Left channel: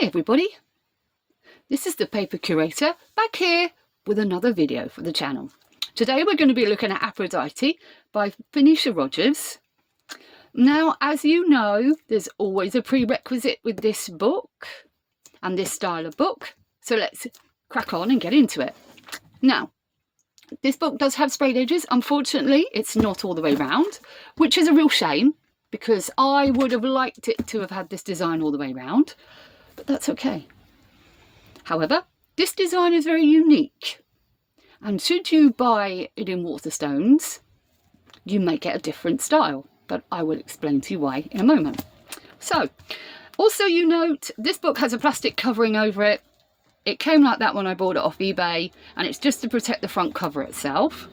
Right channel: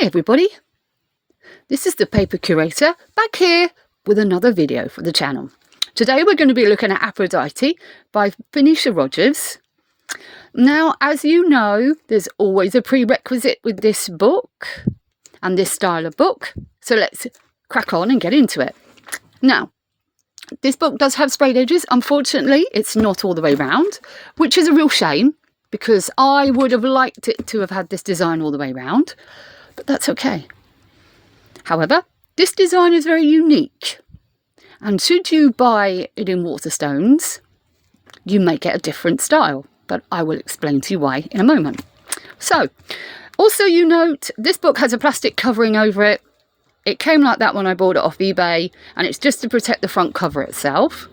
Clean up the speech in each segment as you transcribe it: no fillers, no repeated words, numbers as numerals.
Hi everybody, this is the Paper Curator back here with another video for the channel. Today we're going to be looking at Aphrodite by Phoenicia Rogers. Now, as you know, there's always a prerequisite with this book and this style of book, so let's crack on and get into it. Now, this book does have sprayed edges. Unfortunately, it's not all the way round, which is a real shame because I would have liked it to have had this design all the way round. But that's okay. However, this design is very unique, and should you buy it in Waterstones, you may get a different style, but I will explain to you why in a moment. So, also you note, this book has a plastic covering over it. It came like that when I bought it off eBay, and it's just to protect the front cover itself.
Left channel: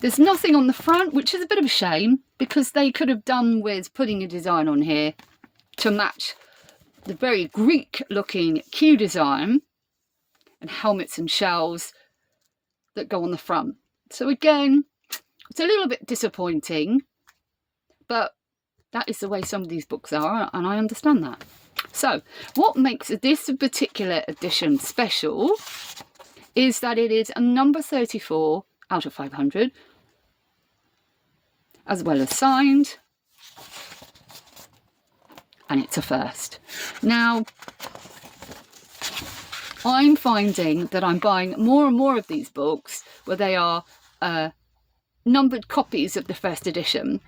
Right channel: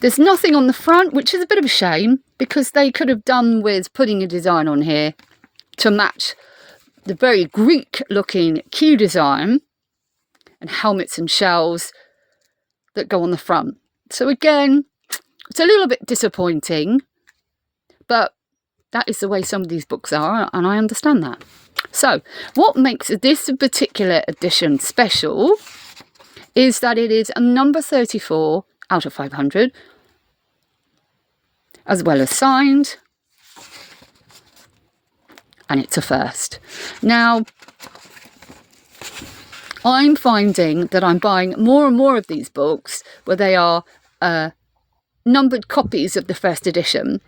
There's nothing on the front, which is a bit of a shame, because they could have done with putting a design on here to match the very Greek looking Q design and helmets and shells that go on the front. So again, it's a little bit disappointing, but that is the way some of these books are, and I understand that. So what makes this particular edition special is that it is a number 34 out of 500, as well as signed, and it's a first. Now, I'm finding that I'm buying more and more of these books where they are numbered copies of the first edition.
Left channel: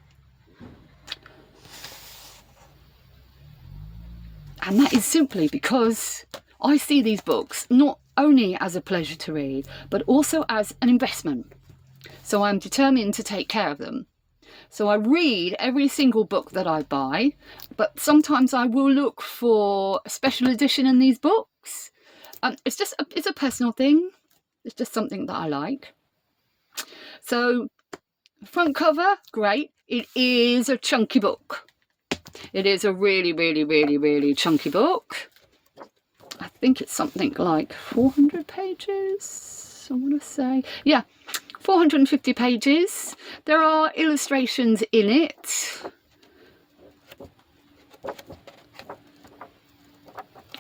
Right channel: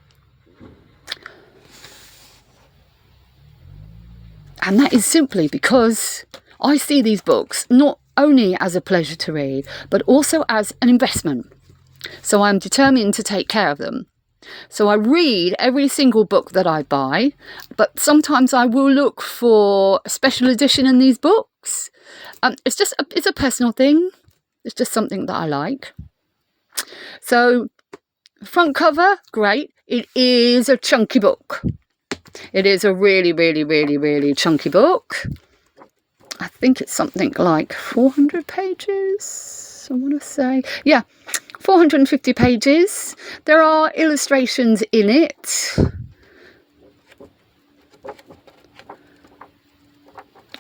And that is simply because I see these books not only as a pleasure to read, but also as an investment. So I'm determined to take care of them. So I read every single book that I buy, but sometimes I will look for a special edition in these books. It's a personal thing. It's just something that I like. So front cover, great. It is a chunky book. It is a really, really, really, really chunky book. I think it's something like 400 pages, I want to say. Yeah, 450 pages. There are illustrations in it.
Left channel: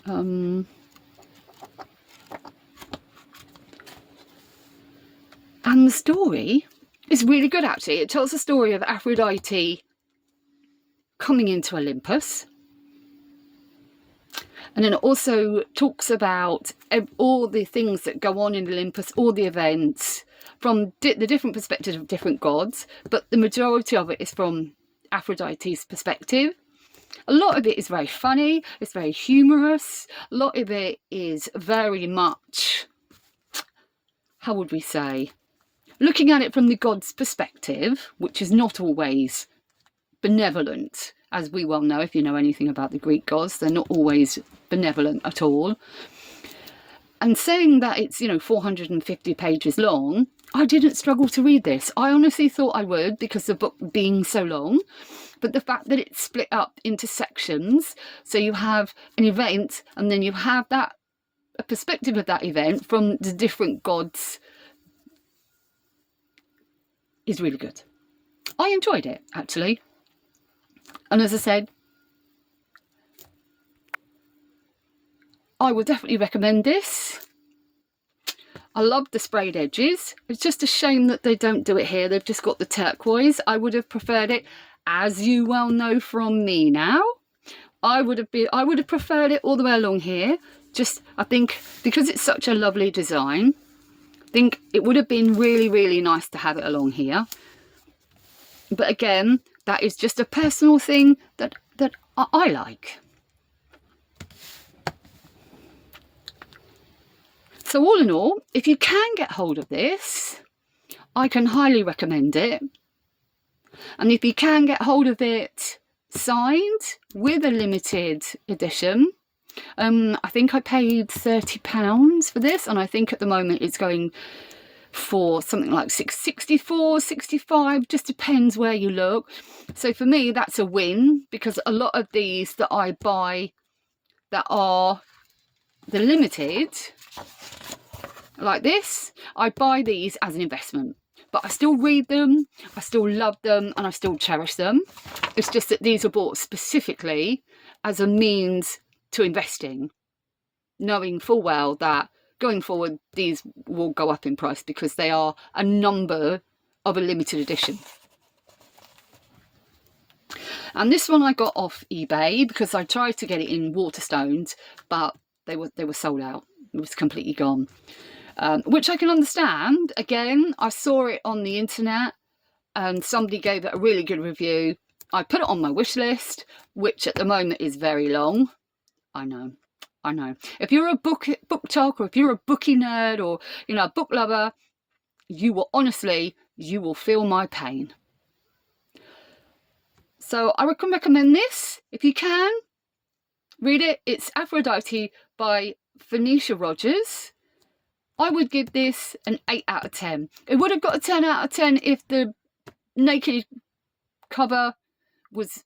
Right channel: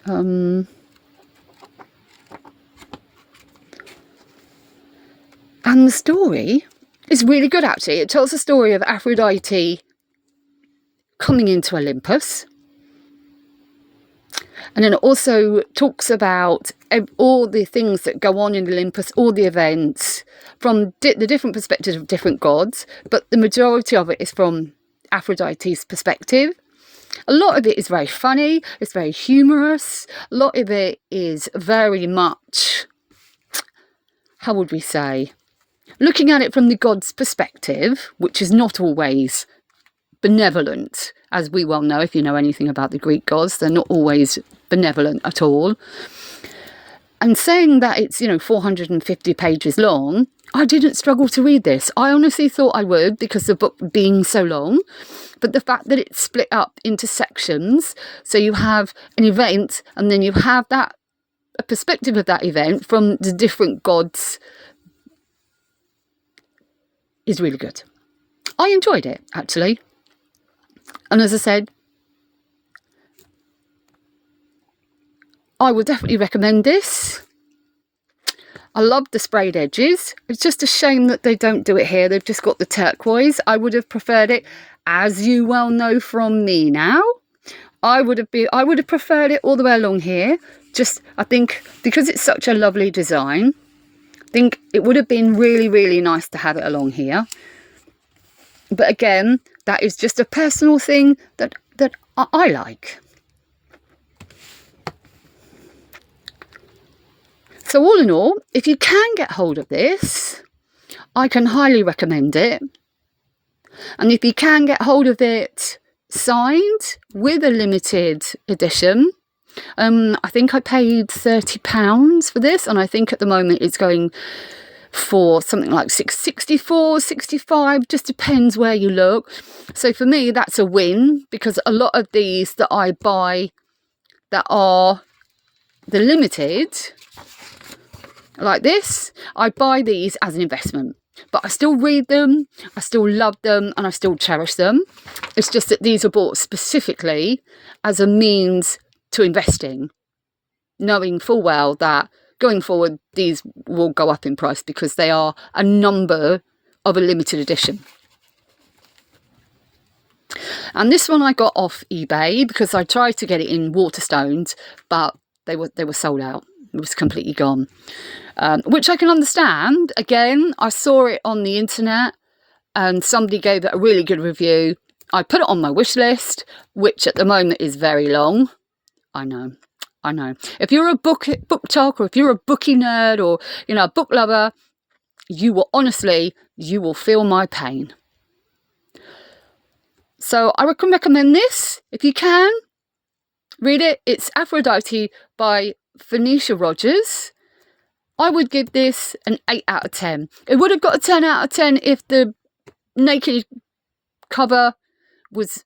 And the story is really good, actually. It tells the story of Aphrodite coming into Olympus. And then it also talks about all the things that go on in Olympus, all the events, from the different perspectives of different gods. But the majority of it is from Aphrodite's perspective. A lot of it is very funny. It's very humorous. A lot of it is very much, how would we say, looking at it from the god's perspective, which is not always benevolent, as we well know. If you know anything about the Greek gods, they're not always benevolent at all. And saying that it's 450 pages long, I didn't struggle to read this. I honestly thought I would, because the book being so long, but the fact that it's split up into sections, so you have an event and then you have a perspective of that event from the different gods, is really good. I enjoyed it, actually. And as I said, I would definitely recommend this. I love the sprayed edges. It's just a shame that they don't do it here. They've just got the turquoise. I would have preferred it, as you well know from me now. I would have preferred it all the way along here. Just, I think, because it's such a lovely design, I think it would have been really, really nice to have it along here. But again, that is just a personal thing that I like. So all in all, if you can get hold of this, I can highly recommend it. And if you can get hold of it signed with a limited edition, I think I paid £30 for this, and I think at the moment it's going for something like 64, 65, just depends where you look. So for me, that's a win, because a lot of these that I buy that are the limited, like this, I buy these as an investment. But I still read them, I still love them, and I still cherish them. It's just that these are bought specifically as a means to investing, knowing full well that going forward these will go up in price because they are a number of a limited edition. And this one I got off eBay because I tried to get it in Waterstones, but they were sold out. It was completely gone, which I can understand. Again, I saw it on the internet and somebody gave it a really good review. I put it on my wish list, which at the moment is very long. I know. If you're a book talk, or if you're a bookie nerd, or a book lover, you will feel my pain. So I can recommend this if you can read it. It's Aphrodite by Phoenicia Rogers. I would give this an 8 out of 10. It would have got a 10 out of 10 if the naked cover was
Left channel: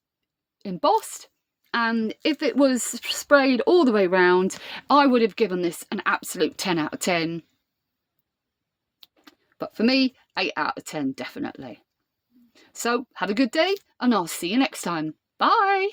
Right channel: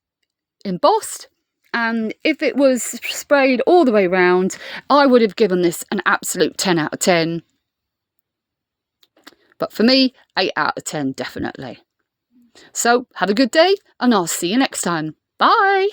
embossed, and if it was sprayed all the way around, I would have given this an absolute 10 out of 10. But for me, 8 out of 10 definitely. So have a good day, and I'll see you next time. Bye.